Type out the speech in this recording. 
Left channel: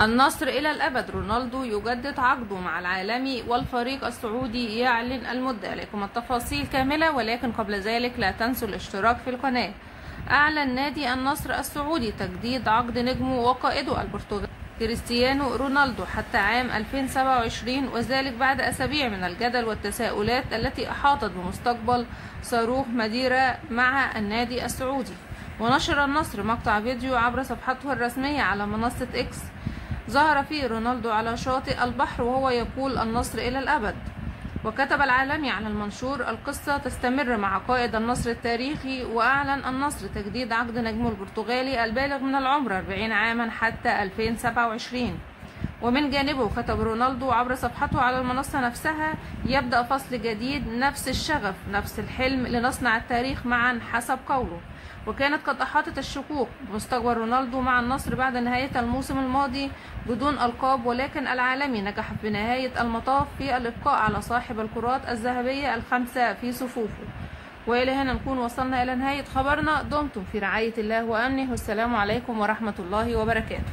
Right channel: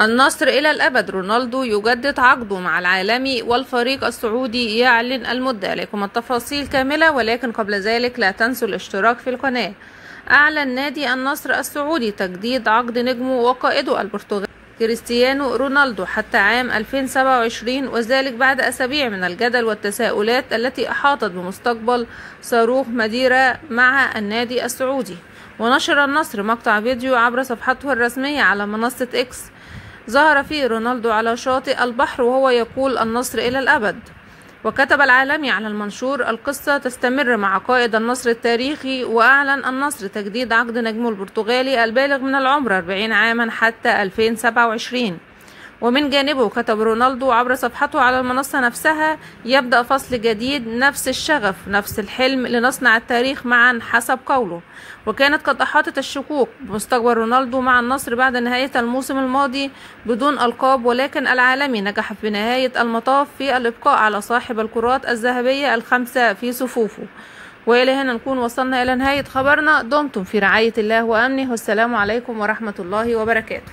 النصر إلى الأبد، رونالدو يجدد عقده مع العالمي والفريق السعودي يعلن المدة. لكم التفاصيل كاملة، ولكن قبل ذلك لا تنسوا الاشتراك في القناة. أعلن نادي النصر السعودي تجديد عقد نجمه وقائده البرتغالي كريستيانو رونالدو حتى عام 2027، وذلك بعد أسابيع من الجدل والتساؤلات التي أحاطت بمستقبل صاروخ ماديرا مع النادي السعودي. ونشر النصر مقطع فيديو عبر صفحته الرسمية على منصة إكس ظهر فيه رونالدو على شاطئ البحر وهو يقول النصر إلى الأبد. وكتب العالمي على المنشور: القصة تستمر مع قائد النصر التاريخي. وأعلن النصر تجديد عقد نجمه البرتغالي البالغ من العمر 40 عاما حتى 2027. ومن جانبه كتب رونالدو عبر صفحته على المنصة نفسها: يبدأ فصل جديد، نفس الشغف، نفس الحلم، لنصنع التاريخ معا حسب قوله. وكانت قد أحاطت الشكوك بمستقبل رونالدو مع النصر بعد نهاية الموسم الماضي بدون ألقاب، ولكن العالمي نجح في نهاية المطاف في الإبقاء على صاحب الكرات الذهبية ال5 في صفوفه. وإلى هنا نكون وصلنا إلى نهاية خبرنا. دمتم في رعاية الله وأمنه، والسلام عليكم ورحمة الله وبركاته.